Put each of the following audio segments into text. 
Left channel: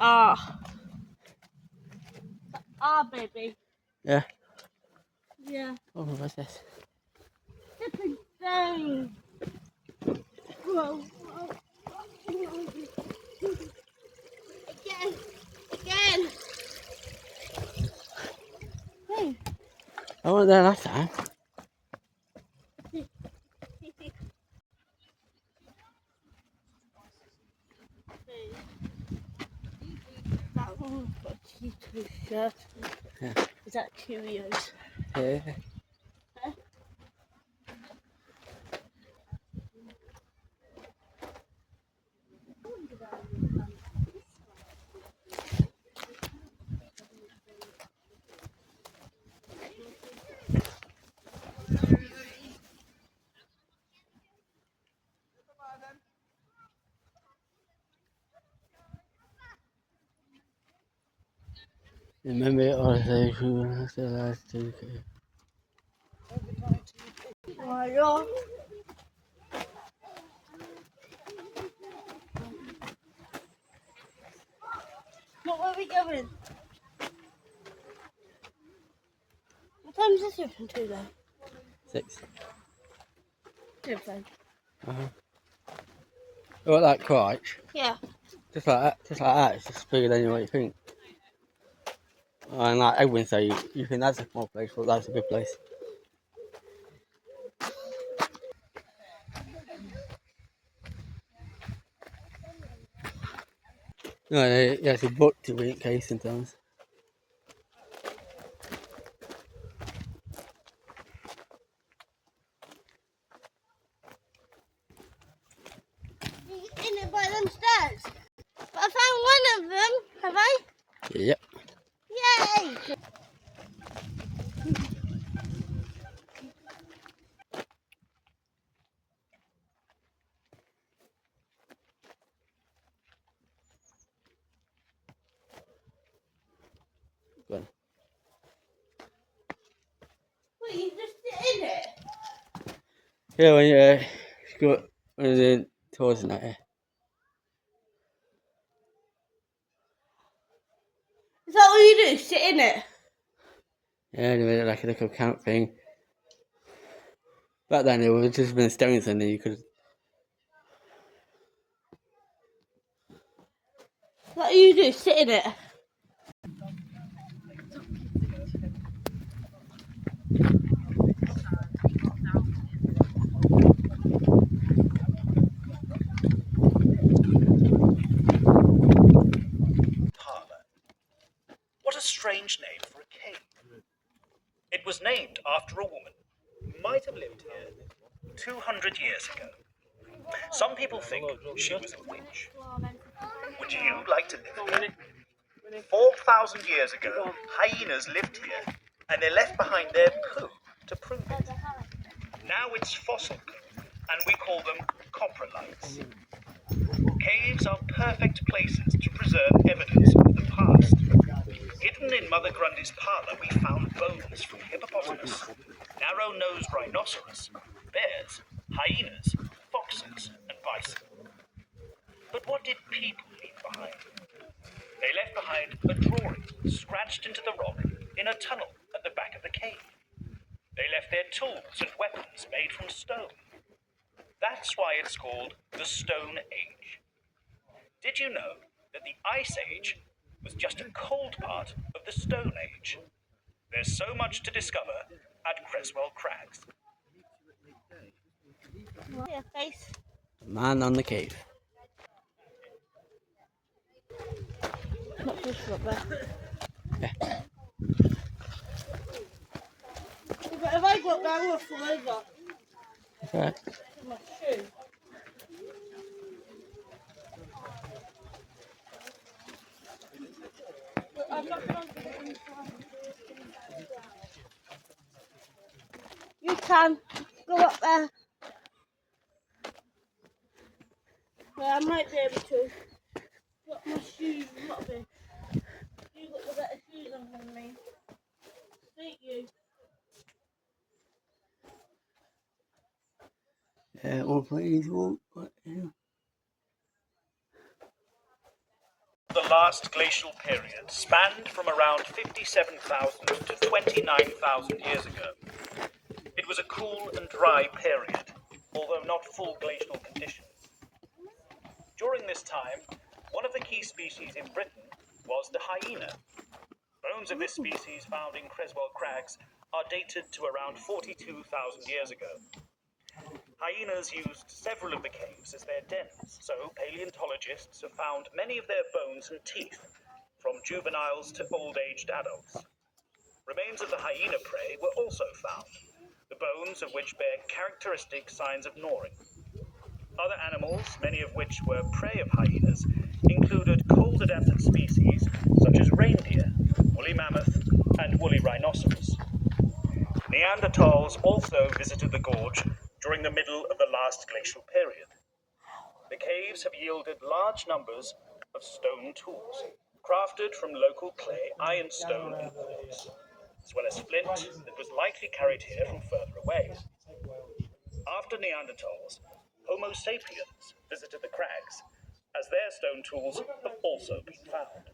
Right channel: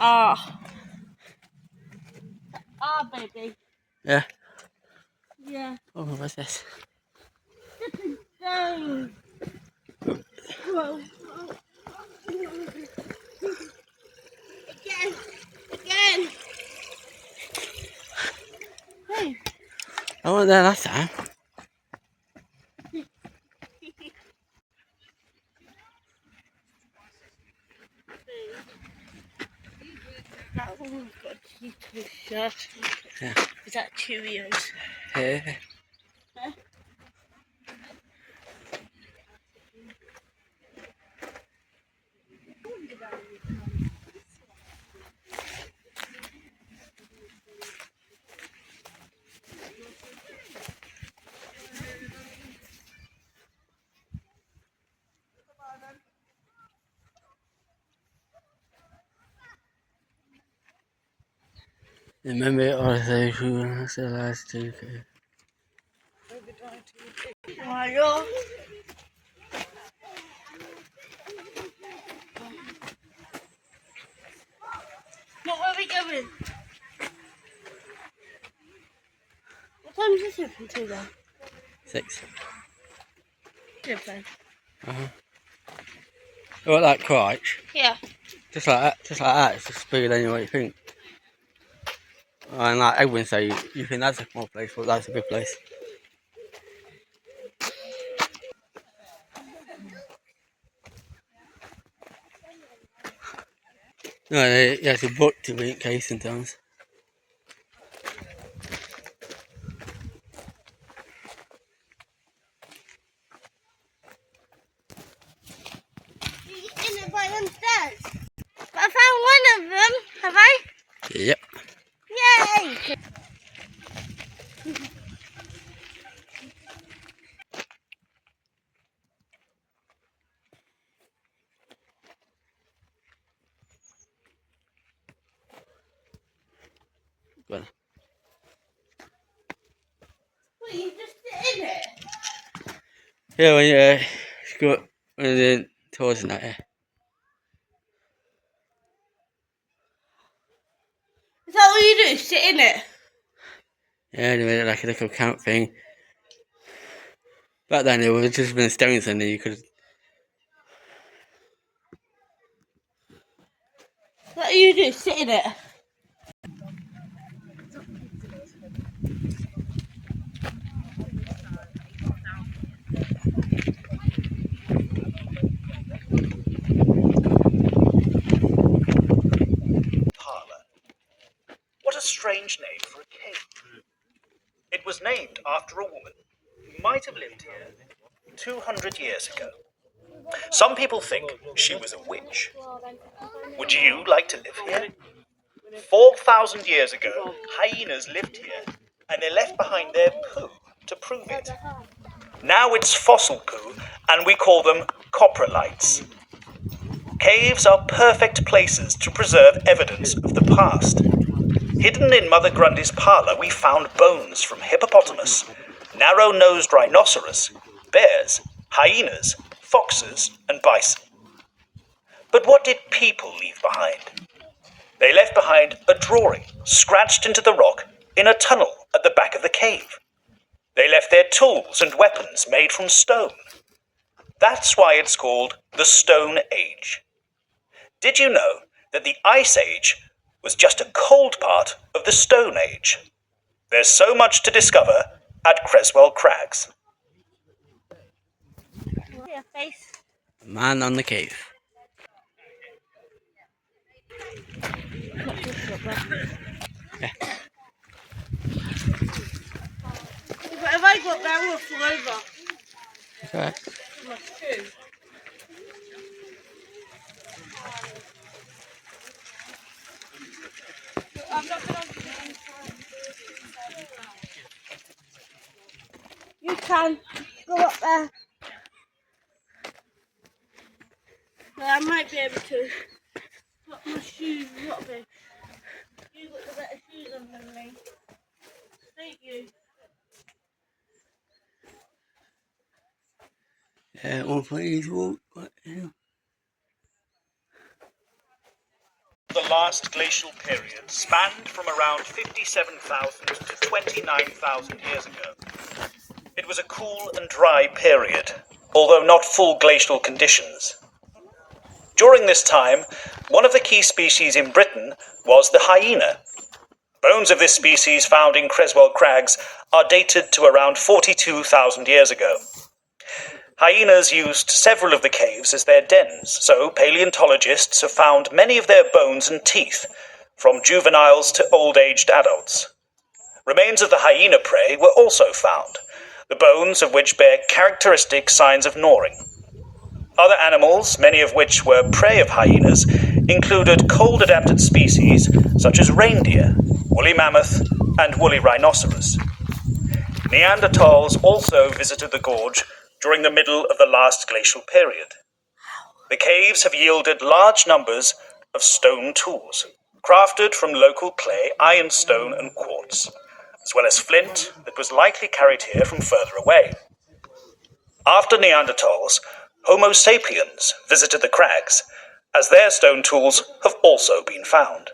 Ah. Baby. Yeah. Yeah. Oh, what's this? Flipping thing. Whoa. Again. Hey. I wasn't there last time. Yeah. Yeah. Is that Cheerios? Yeah. Huh? Remember all those who are the last two. Why not? What were we going? What time is this open to then? 6. Good then. What, like crotch? Yeah. Just like that. It's just bigger than what you think. And like everyone say, you think that's a small place, but that's a big place. No, yeah, it's a book to be in case sometimes. You're in it by them stairs. But I found one of them. Have I? Yep. Yay! Go on. Wait, you just sit in it? Yeah, when you go when you're towards the night, yeah. Is that what you do? Sit in it? Yeah, they made it like a little camp thing. Back then, it would have just been stones and you could. Is that what you do? Sit in it? Parlour. What a strange name for a cave. It was named after a woman who might have lived here 200 years ago. Some people think she was a witch. Would you like to live here? 4,000 years ago, hyenas lived here, and they left behind their poo to prove it. Now it's fossil poo, and we call them coprolites. Caves are perfect places to preserve evidence of the past. Hidden in Mother Grundy's parlour, we found bones from hippopotamus, narrow-nosed rhinoceros, bears, hyenas, foxes, and bison. But what did people leave behind? They left behind a drawing scratched into the rock in a tunnel at the back of the cave. They left their tools and weapons made from stone. That's why it's called the Stone Age. Did you know that the Ice Age was just a cold part of the Stone Age? There's so much to discover at Creswell Crags. Your face. Man on the cave. Not just up there. Yeah. But if I go up there, we'll fall over. That's alright. Must too. I'm not going to get inside. You can go up there. Well, I might be able to. But my shoes, not big. You've got the better shoes on than me. Don't you? Yeah, one for each walk. The line last glacial period spanned from around 57,000 to 29,000 years ago. It was a cool and dry period, although not full glacial conditions. During this time, one of the key species in Britain was the hyena. Bones of this species found in Creswell Crags are dated to around 42,000 years ago. Hyenas used several of the caves as their dens, so paleontologists have found many of their bones and teeth, from juveniles to old-aged adults. Remains of the hyena prey were also found, the bones of which bear characteristic signs of gnawing. Other animals, many of which were prey of hyenas, included cold-adapted species such as reindeer, woolly mammoth, and woolly rhinoceros. Neanderthals also visited the gorge during the middle of the last glacial period. The caves have yielded large numbers of stone tools, crafted from local clay, ironstone, and quartz, as well as flint that was likely carried here from further away. After Neanderthals, Homo sapiens visited the crags, as their stone tools have also been found.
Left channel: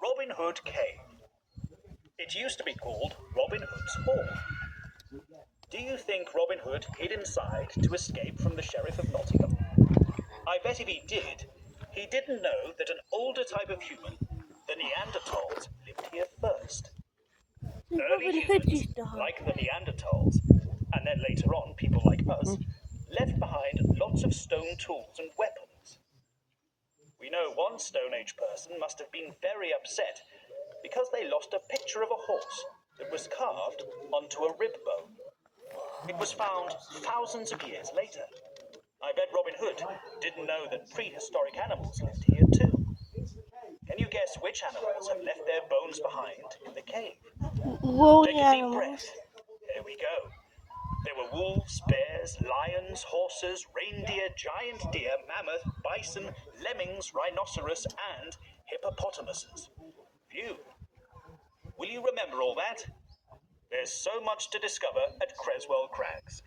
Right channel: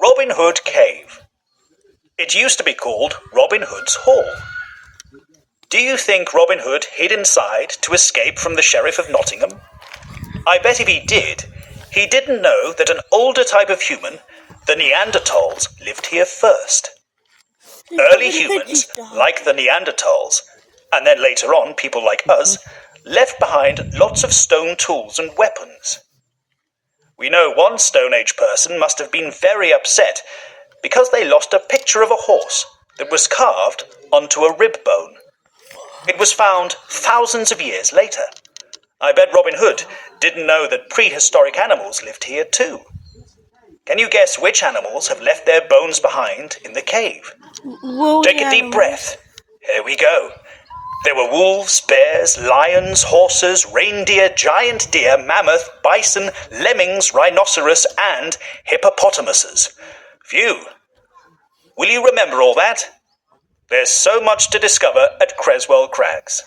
Robin Hood Cave. It used to be called Robin Hood's Hall. Do you think Robin Hood hid inside to escape from the Sheriff of Nottingham? I bet if he did, he didn't know that an older type of human, the Neanderthals, lived here first. Early humans, like the Neanderthals, and then later on people like us, left behind lots of stone tools and weapons. We know one Stone Age person must have been very upset because they lost a picture of a horse that was carved onto a rib bone. It was found thousands of years later. I bet Robin Hood didn't know that prehistoric animals lived here too. Can you guess which animals have left their bones behind in the cave? Take a deep breath. Here we go. There were wolves, bears, lions, horses, reindeer, giant deer, mammoth, bison, lemmings, rhinoceros, and hippopotamuses. Phew. Will you remember all that? There's so much to discover at Creswell Crags.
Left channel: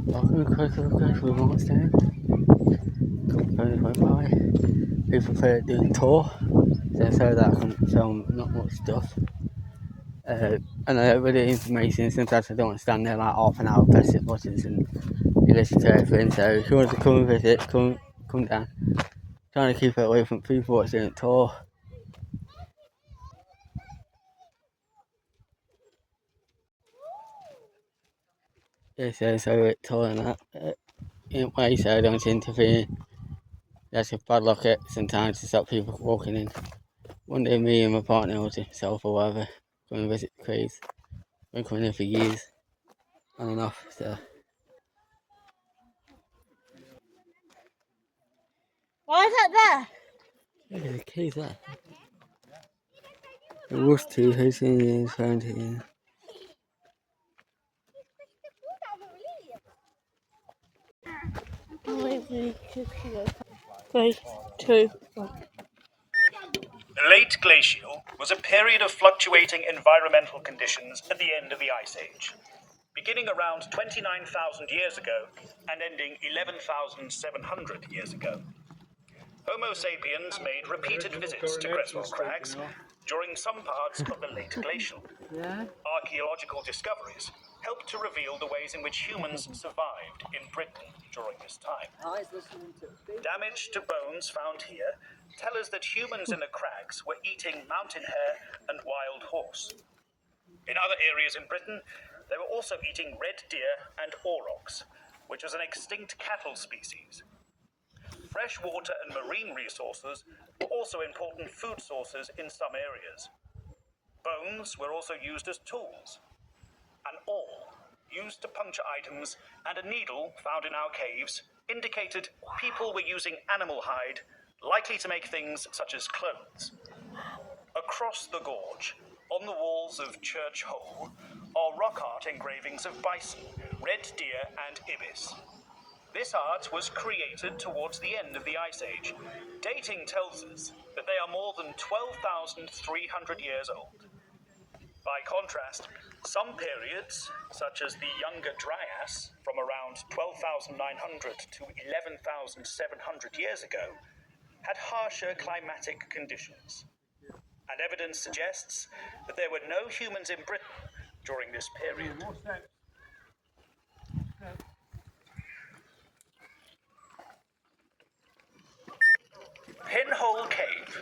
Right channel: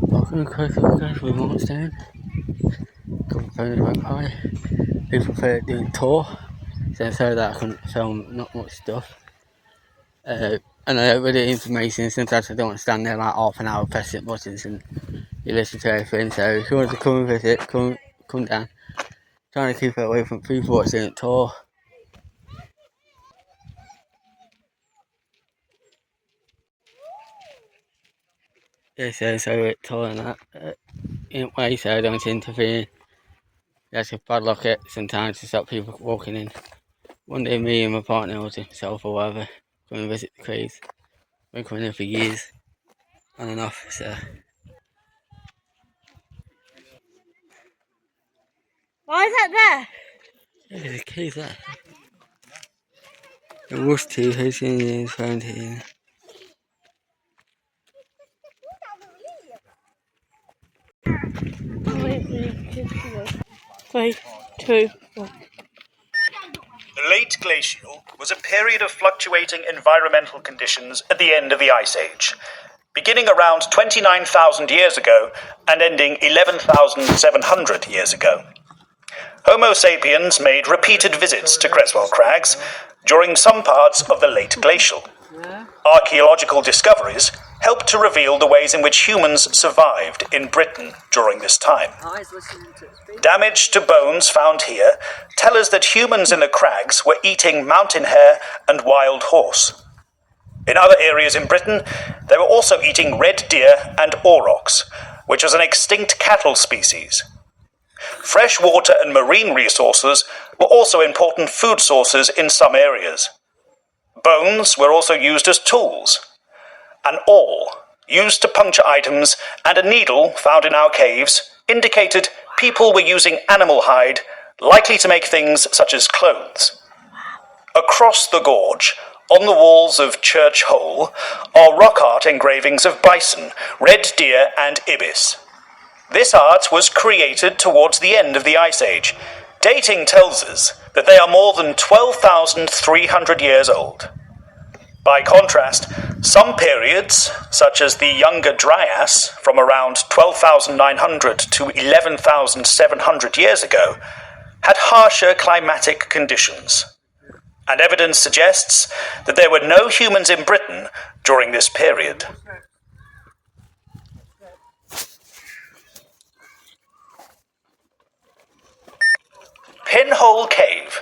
Welcome to Creswell Crags with Markstown. Couple phones went by. People prefer doing tour, so that I can film not much stuff. And I don't really information, sometimes I don't want to stand there like half an hour pressing buttons and you listen to everything. So if you want to come and visit, come down. Trying to keep it away from people watching a tour. Yeah, so it tour and that in a way, so I don't interfere. That's a bad luck it sometimes to stop people walking in. One day me and my partner or himself or whatever come and visit the Crags. Been coming in for years on and off, so. Why is that there? Yeah, there's a cave there. It was 2,000 years around here. 3, 2, 1. The late glacial was a period of fluctuating environmental conditions at the end of the Ice Age, beginning around 29,000 years ago and ending 11,700 years ago. Homo sapiens made repeated visits to Creswell Crags during some parts of the late glacial. Archaeological discoveries help to reveal the ways in which humans survived in Britain during this time. Damage to bones found here tell us that humans in the Crags were eating mountain hare and wild horse. In other areas in Britain, they were also eating red deer and aurochs, which was an extinct cattle species. Fresh water and marine resources were also important food sources in some areas. Bones were also used as tools. An awl, used to puncture items, and a needle found in our caves indicated people were using animal hide, likely to make things such as clothes. Across the gorge, on the walls of Church Hole, are rock art engravings of bison, red deer, and ibis. This art was created towards the end of the Ice Age. Dating tells us that they are more than 12,300 years old. By contrast, some periods, such as the Younger Dryas, from around 12,900 to 11,700 years ago, had harsher climatic conditions. And evidence suggests that there were no humans in Britain during this period. Pinhole Cave.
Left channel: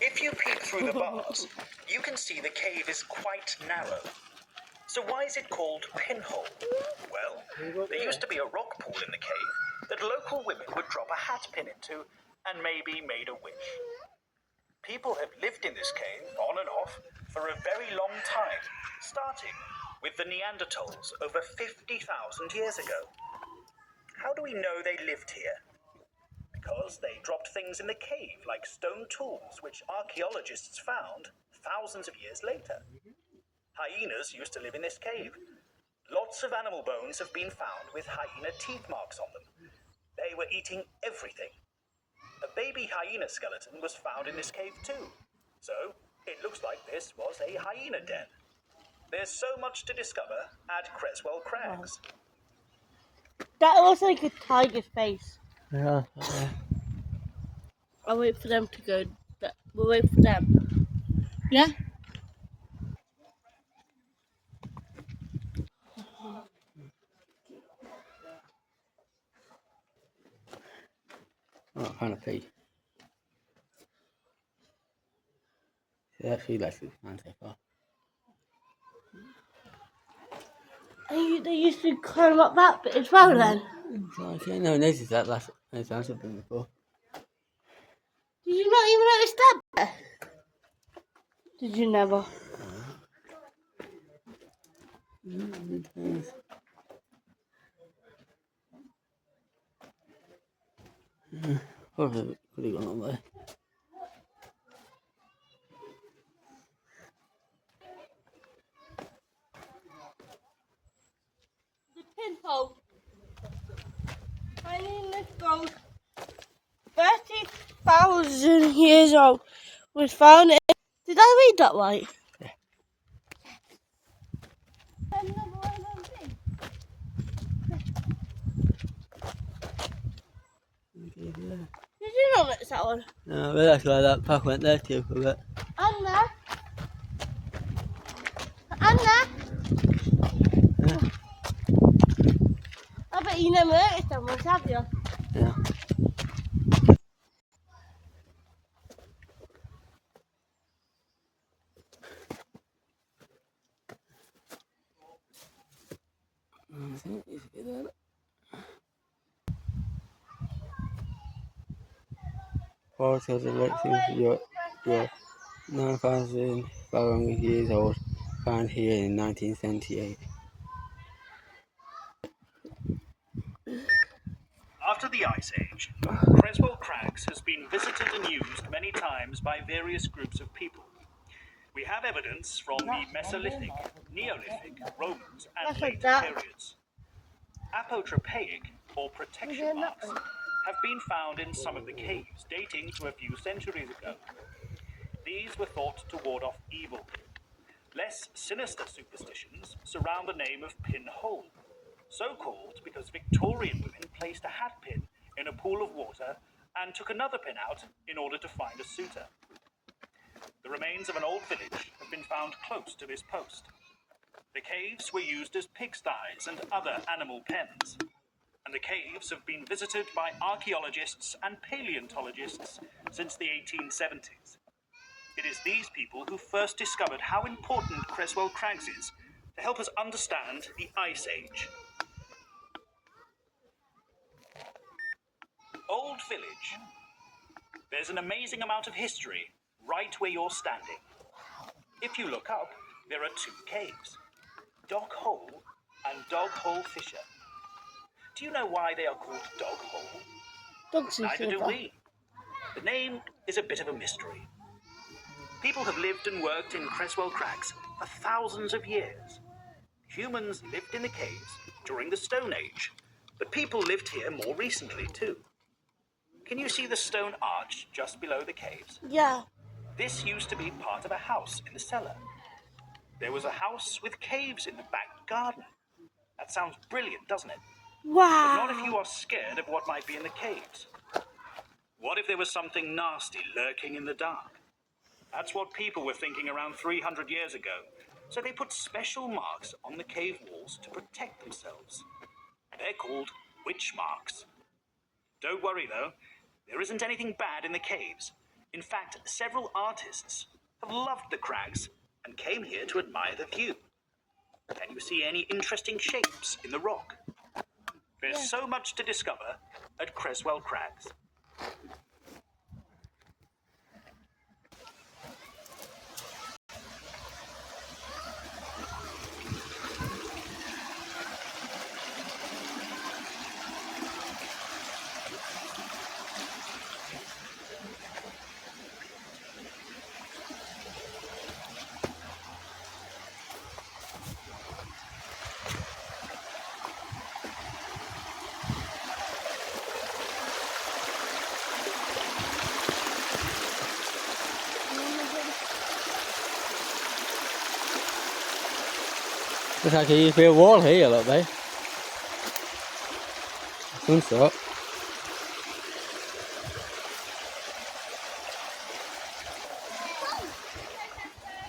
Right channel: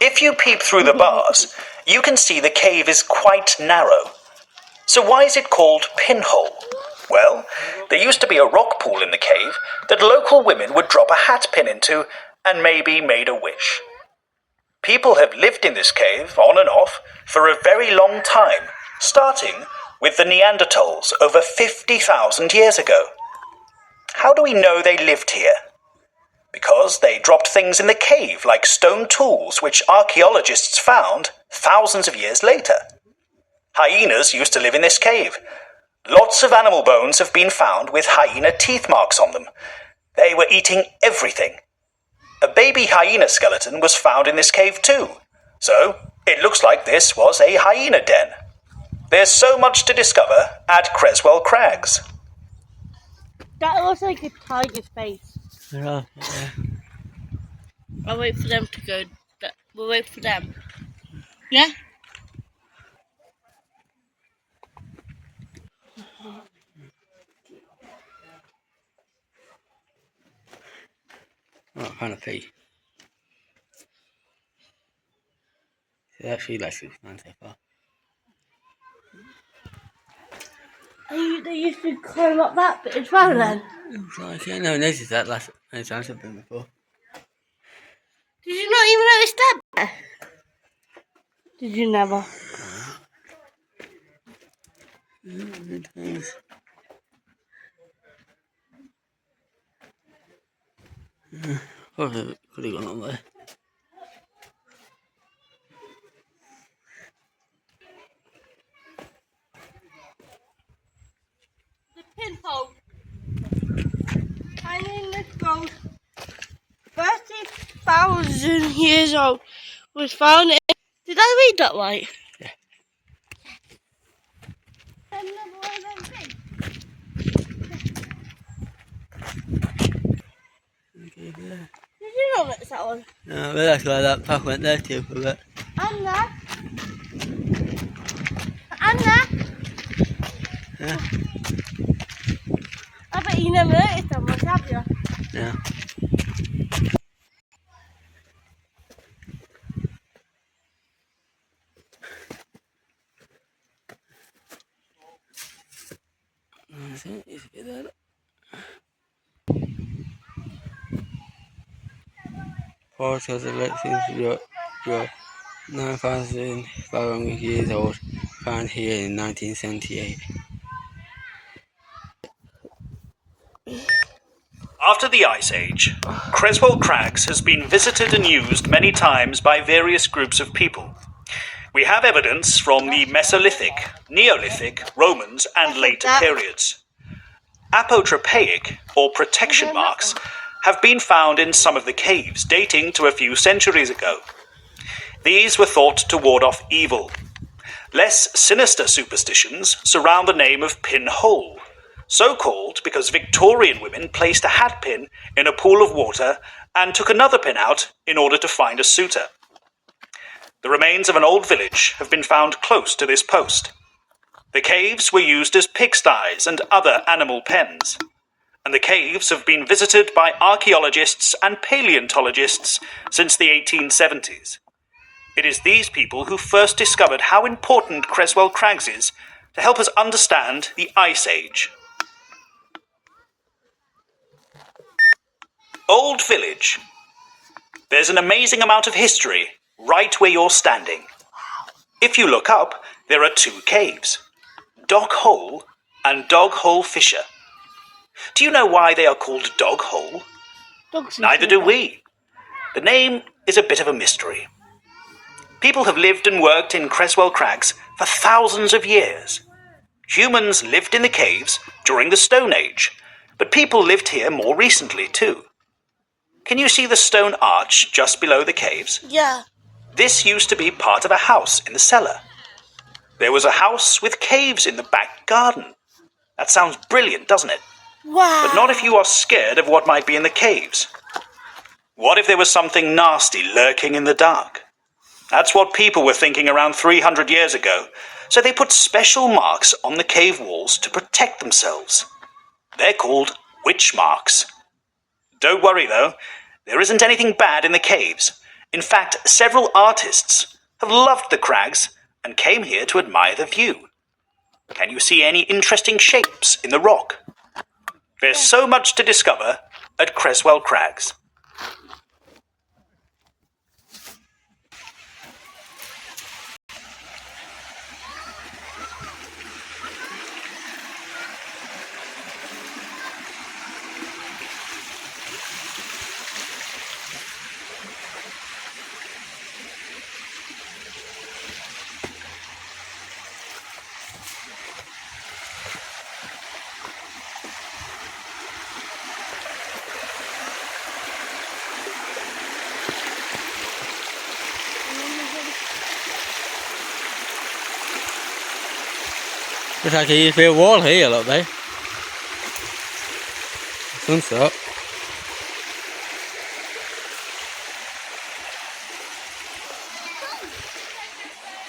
If you peep through the bars, you can see the cave is quite narrow. So why is it called Pinhole? Well, there used to be a rock pool in the cave that local women would drop a hat pin into and maybe made a wish. People have lived in this cave, on and off, for a very long time, starting with the Neanderthals over 50,000 years ago. How do we know they lived here? Because they dropped things in the cave, like stone tools, which archaeologists found thousands of years later. Hyenas used to live in this cave. Lots of animal bones have been found with hyena teeth marks on them. They were eating everything. A baby hyena skeleton was found in this cave too, so it looks like this was a hyena den. There's so much to discover at Creswell Crags. That looks like a tiger's face. Yeah. I'll wait for them to go. We'll wait for them. Yeah? Oh, kind of pee. So actually, that's fine so far. They used to climb up that bit as well then? Looks like, yeah, no, noticed that last time I've been before. Did you not even notice that bit? Did you never? Probably could have gone on there. The pinhole. I mean, this goes 30,000 years old. Was found in. Did I read that right? Yeah. Another one of them things. Okay, yeah. Did you know it's that one? No, but that's why that path went there too for that. Anna. Anna. Yeah. I bet you never noticed that one, have you? Yeah. That's it. Is it there? Forest has a seems to be 9,500 years old, found here in 1978. After the Ice Age, Creswell Crags has been visited and used many times by various groups of people. We have evidence from the Mesolithic, Neolithic, Romans, and later periods. Apotropaic, or protection marks, have been found in some of the caves dating to a few centuries ago. These were thought to ward off evil. Less sinister superstitions surround the name of Pinhole, so called because Victorian women placed a hat pin in a pool of water and took another pin out in order to find a suitor. The remains of an old village have been found close to this post. The caves were used as pigsties and other animal pens, and the caves have been visited by archaeologists and paleontologists since the 1870s. It is these people who first discovered how important Creswell Crags is to help us understand the Ice Age. Old Village. There's an amazing amount of history right where you're standing. If you look up, there are two caves, Dog Hole and Dog Hole Fisher. Do you know why they are called Dog Hole? Neither do we. The name is a bit of a mystery. People have lived and worked in Creswell Crags for thousands of years. Humans lived in the caves during the Stone Age, but people lived here more recently too. Can you see the stone arch just below the caves? Yeah. This used to be part of a house in the cellar. There was a house with caves in the back garden. That sounds brilliant, doesn't it? Wow. But not if you are scared of what might be in the caves. What if there was something nasty lurking in the dark? That's what people were thinking around 300 years ago, so they put special marks on the cave walls to protect themselves. They're called witch marks. Don't worry though, there isn't anything bad in the caves. In fact, several artists have loved the crags and came here to admire the view. Can you see any interesting shapes in the rock? There's so much to discover at Creswell Crags. Looks like a used to be a wall here, look, babe. Some sort.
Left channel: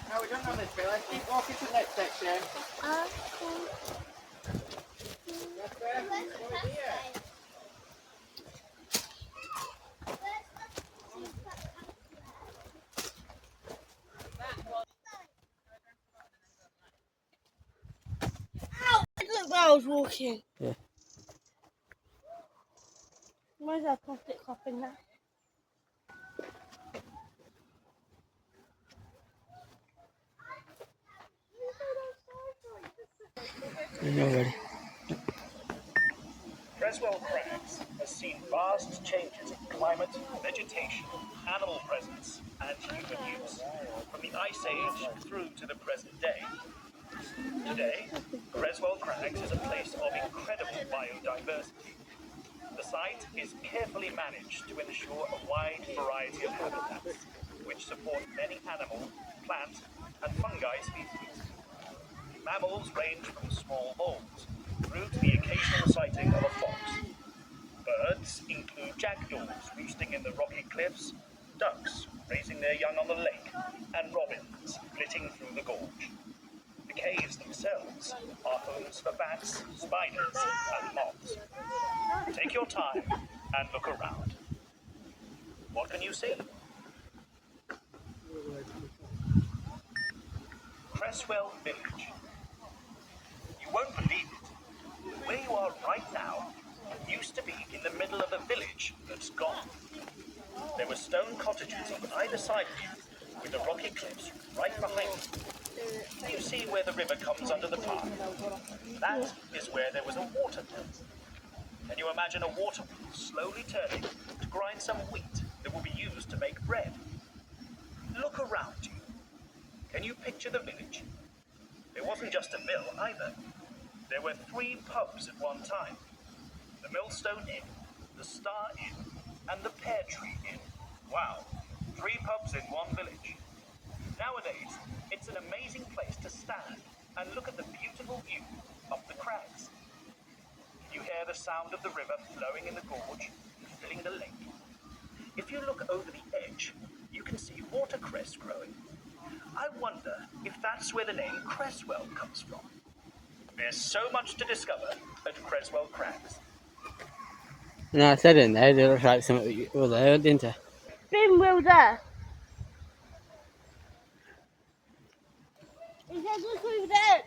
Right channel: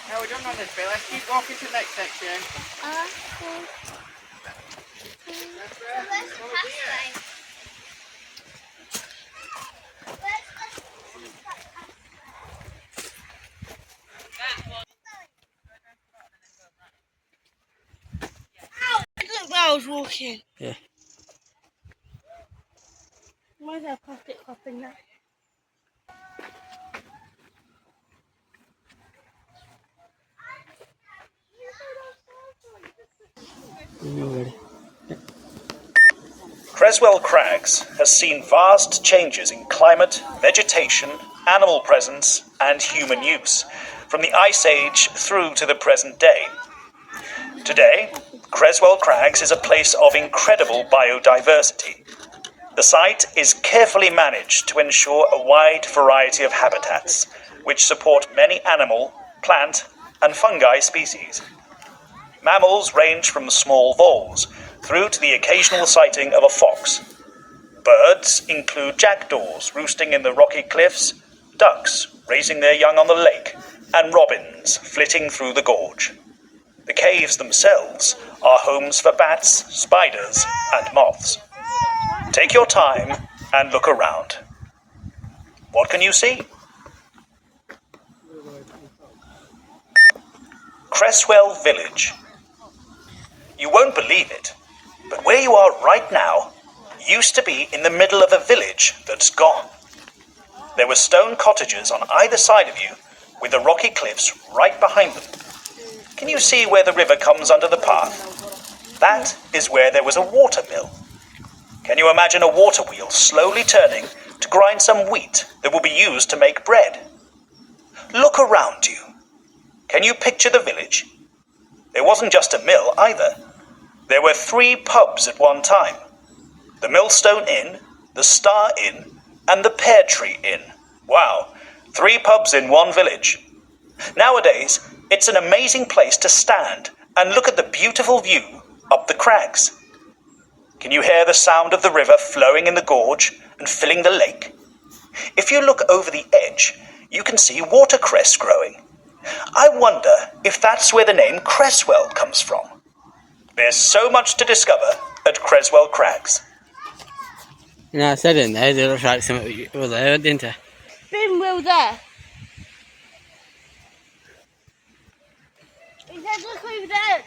No, we're done on this bit. Let's keep walking to the next section. Look where I was walking. Yeah. Where's that plastic cup in there? You're ready. Creswell Crags has seen vast changes in climate, vegetation, animal presence, and human use, from the Ice Age through to the present day. Today, Creswell Crags is a place of incredible biodiversity. The site is carefully managed to ensure a wide variety of habitats, which support many animal, plant, and fungi species. Mammals range from small voles through to the occasional sighting of a fox. Birds include jackdaws roosting in the rocky cliffs, ducks raising their young on the lake, and robins flitting through the gorge. The caves themselves are homes for bats, spiders, and moths. Take your time and look around. What can you see? Creswell Village. You won't believe it, but where you are right now used to be in the middle of a village that's gone. There were stone cottages on either side of you, with the rocky cliffs right behind them. Can you see where the river comes under the path? That is where there was a water mill. Can you imagine a water wheel slowly turning to grind some wheat that will be used to make bread? Look around you. Can you picture the village? There wasn't just a mill either. There were 3 pubs at one time. The Millstone Inn, the Star Inn, and the Pear Tree Inn. Wow, 3 pubs in one village. Nowadays, it's an amazing place to stand and look at the beautiful view up the crags. Can you hear the sound of the river flowing in the gorge and filling the lake? If you look over the edge, you can see watercress growing, I wonder if that's where the name Creswell comes from. There's so much to discover at Creswell Crags. You know, I said in there, it looks like something was there, didn't it? Spin wheel there. He said look over there.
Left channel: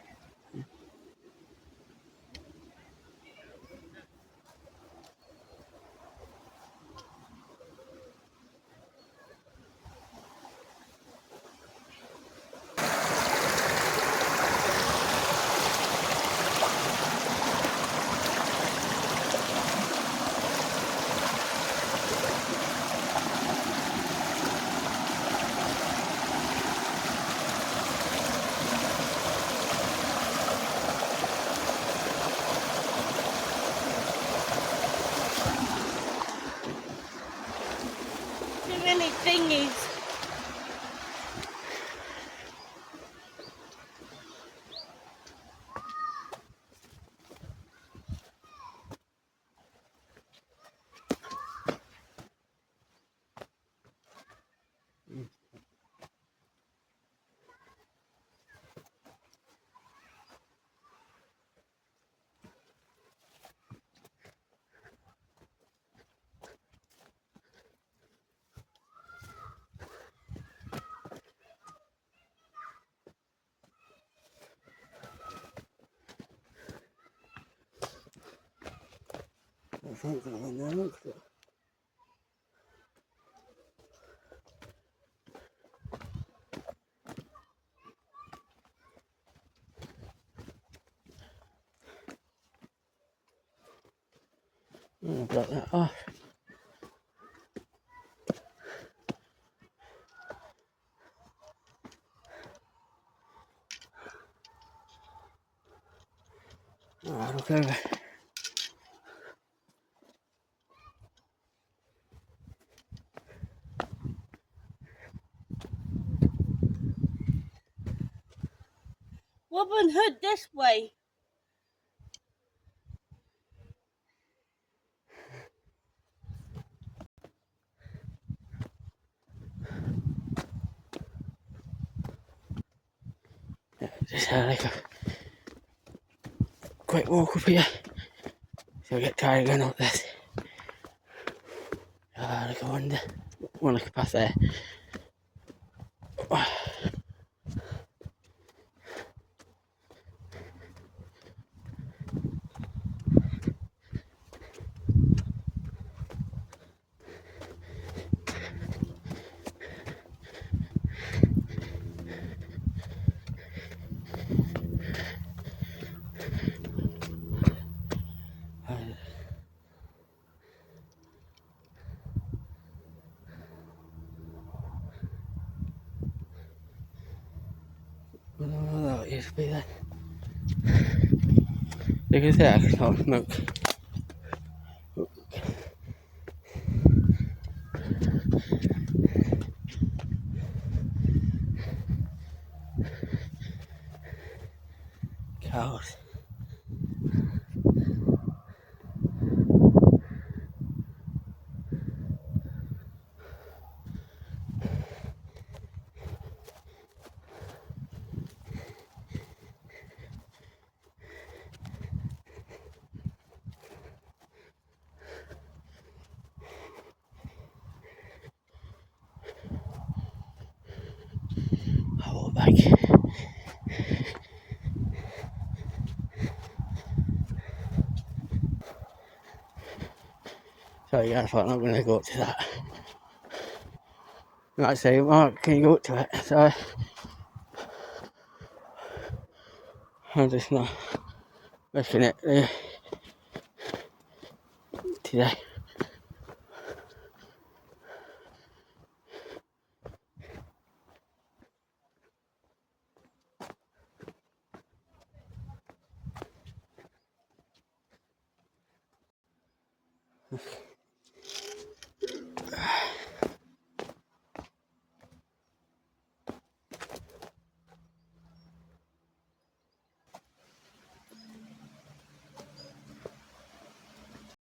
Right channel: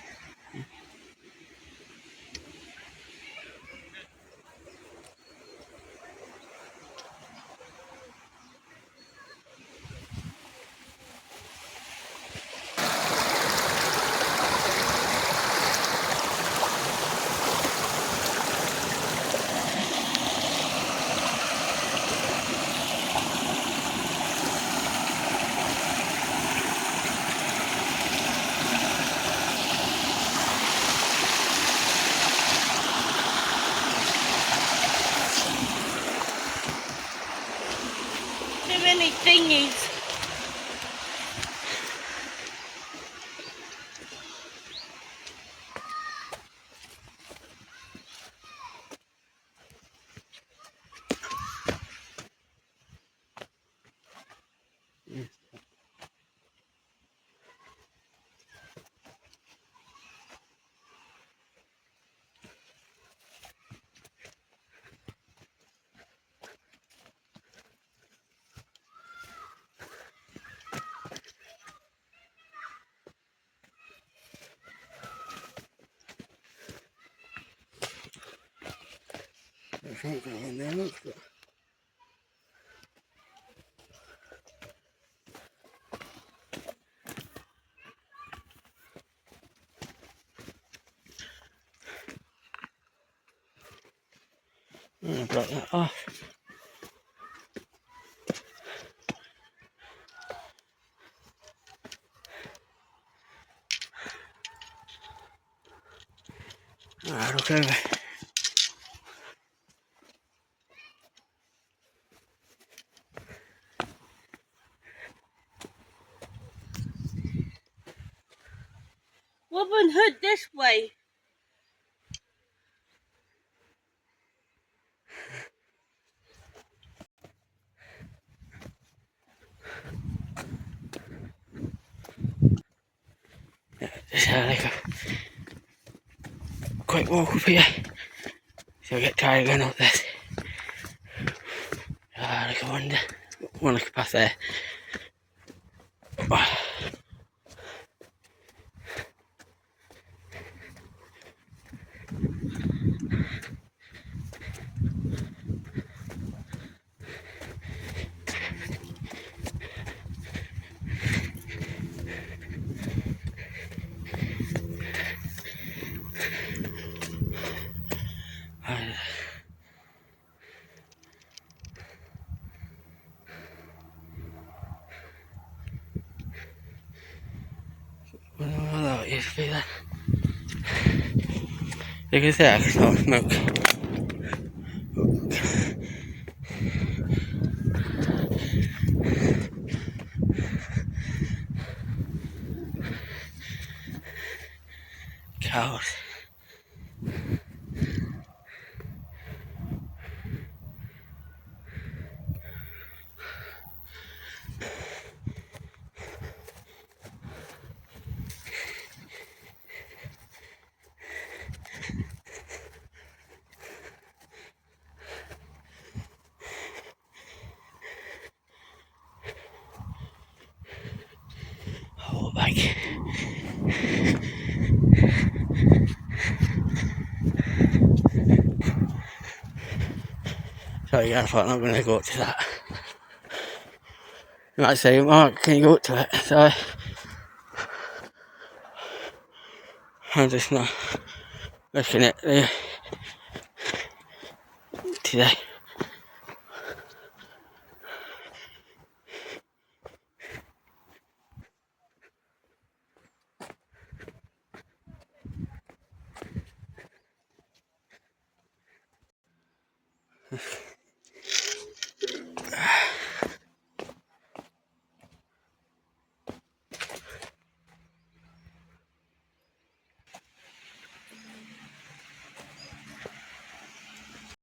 Too many thingies. I think I'm in there, look. I'm gonna block that off. Alright, look over. Robin Hood this way. Just have like a quick walk up here. So I get tired going up this. Like I wonder. One I could pass there. Well, that used to be there. You can see I can smell smoke. Cows. Oh, like. So yeah, I thought I'm not going to go up to that. You might say, Mark, can you go up to it? So I'm just not risking it today.